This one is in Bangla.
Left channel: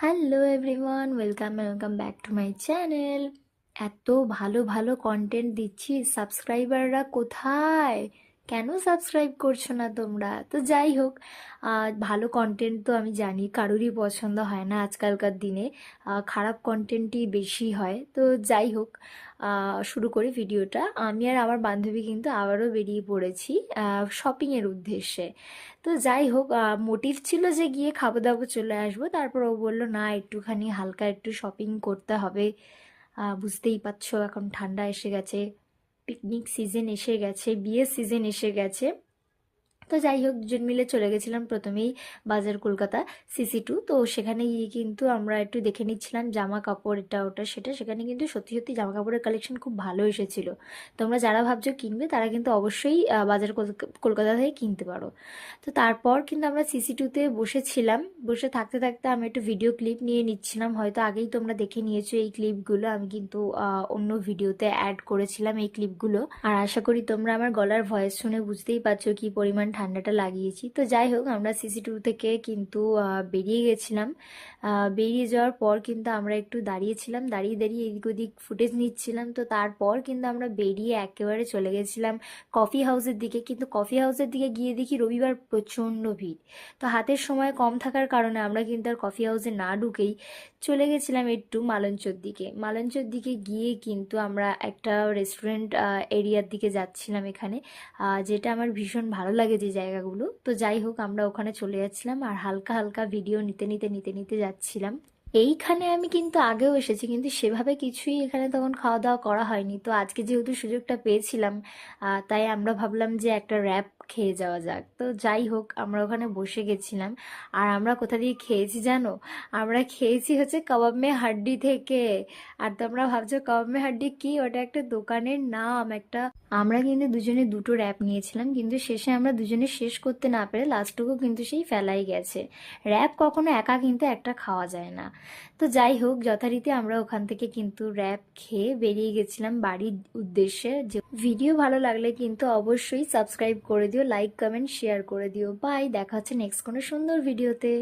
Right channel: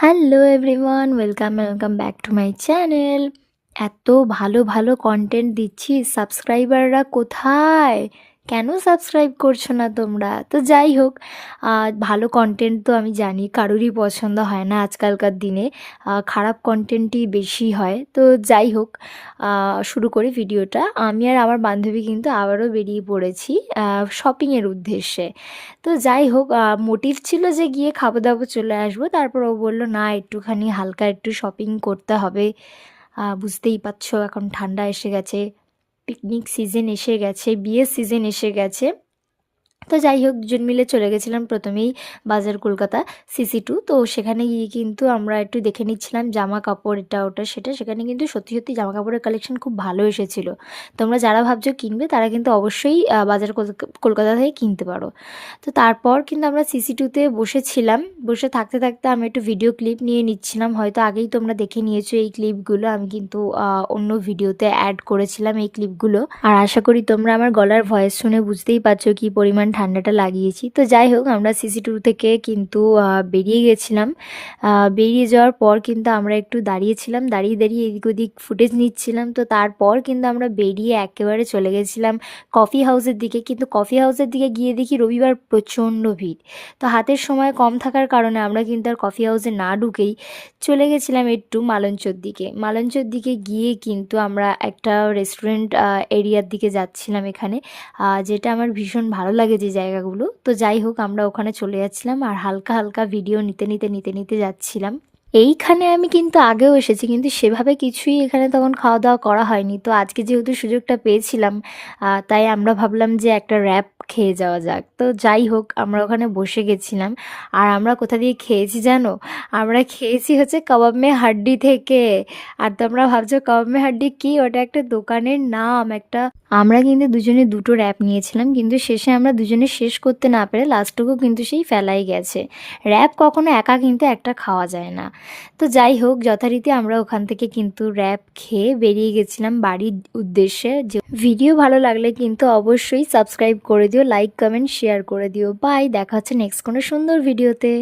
Hello everyone, welcome back to my channel. এত ভালো ভালো কন্টেন্ট দিচ্ছি, সাবস্ক্রাইবাররা কোথায়? কেন সাবস্ক্রাইব করছো না তোমরা? তো যাই হোক, ভালো কন্টেন্ট তো আমি জানি কারোরই পছন্দ হয় না আজকালকার দিনে। খারাপ কন্টেন্টই বেশি হয়। তো যাই হোক, শুরু করি ভিডিওটা। আমি আর আমার বান্ধবী কিন্তু আবারও বেরিয়ে পড়েছি শপিংয়ের উদ্দেশ্যে। তো যাই হোক, মোটিভ ছিল যে গিয়ে খাবো দাবো চলে আসবো, তারপর ও বললো না, একটুখানি হালকা একটু শপিং করতে হবে। বুঝতেই পারছো, এখন ঠান্ডা এসে গেছে, পিকনিক সিজন এসে গেছে, বিয়ের সিজন এসে গেছে। তো যাই হোক, দুজন মিলে চলে গেছিলাম প্রথমেই বাজার কলকাতা সিসি 2। তো সেখানে গিয়ে কিন্তু আমরা একটু দেখে নিচ্ছিলাম জামা কাপড়, এটা ওটা সেটা। সেখানে কিন্তু সত্যি সত্যি জামা কাপড়ের কালেকশন খুব ভালো এসেছিলো। তোমরা যারা ভাবছো কিনবে তারা কিন্তু অবশ্যই বাজার কলকাতা থেকে কিনতে পারো। তো তারপর কিন্তু আমরা সিসি 2তে বসেছিলাম। বসে থাকতে থাকতে আমি একটু ভিডিও ক্লিপ নিয়ে নিচ্ছিলাম। হয়তো আগেই তোমরা দেখে নিয়েছো এই ক্লিপগুলো, আমি কিন্তু অন্য ভিডিওতে অ্যাড করেছিলাম এই ক্লিপগুলো। আর আশা করি তোমরা আমার গলার ভয়েস শুনে বুঝতেই পারছো কি পরিমাণ ঠান্ডাটা লাগিয়েছি। তো যাই হোক, আমরা সিসি 2 থেকে কিন্তু বেরিয়ে গেছিলাম। বেরিয়ে যাওয়ার পর কিন্তু আমরা একটু দাঁড়িয়েছিলাম, দাঁড়িয়ে দাঁড়িয়ে এদিক ওদিক ফুটেজ নিচ্ছিলাম। তো তারপর কিন্তু আমরা বেরিয়ে একেবারে চলে গেছিলাম কফি হাউসের দিকে। কিন্তু কফি হাউসের দিকে গিয়ে দেখি রবিবার প্রচণ্ড ভিড়। তো হাতের সময় কম থাকার কারণে আমরা কিন্তু আর কফি হাউসে না ঢুকেই চলে গেছিলাম একটু মালঞ্চর দিকে। মালঞ্চর দিকে গিয়ে কিন্তু আমরা একটা রেস্টুরেন্ট এরিয়ার দিকে যাচ্ছিলাম এখানে, যেটা আমার ভীষণ ভালো লাগে যে জায়গাগুলো। তো যাই হোক, আমরা ওখানে চলে যাচ্ছিলাম আর হালকা হালকা ভিডিও নিতে নিতে নিতে নিতে যাচ্ছিলাম। এইখানে আমি কিন্তু আগেও এসেছি, কিন্তু সেভাবে কিছুই এখানে তখন খাওয়া দাওয়া করা হয়নি। তো আজকে যেহেতু সুযোগটা পেয়েছিলাম, তাই আমরা ভাবলাম যে একটা র্যাপ খেয়ে যাওয়া যাক। তো যাই হোক, আমরা ওখানে বসে গেছিলাম। আর আমরা কোথা দিয়ে খেয়েছি জানো? আমরা খেয়েছি হচ্ছে কাবাব মে হাড্ডি থেকে। আর তোমরা ভাবছো কাবাব মে হাড্ডি কি? ওটা একটা দোকানের নাম একটা। আমরা কিন্তু দুজনে দুটো র্যাপ নিয়েছিলাম, কিন্তু শেষে আমরা দুজনে শেষ করতে না পেরে লাস্টটুকু কিন্তু সেই ফেলাই গেছে। র্যাপ কখনো একা কিন্তু একটা খাওয়া যায় না। তো যাই হোক, যথারীতি আমরা ওখান থেকে কিন্তু র্যাপ খেয়ে বেরিয়ে গেছিলাম বাড়ির উদ্দেশ্যে। ভিডিও ভালো লাগলে কিন্তু অবশ্যই সাবস্ক্রাইব করে দিও, লাইক কমেন্ট শেয়ার করে দিও। বাই, দেখা হচ্ছে নেক্সট কোনো সুন্দর ভিডিওতে।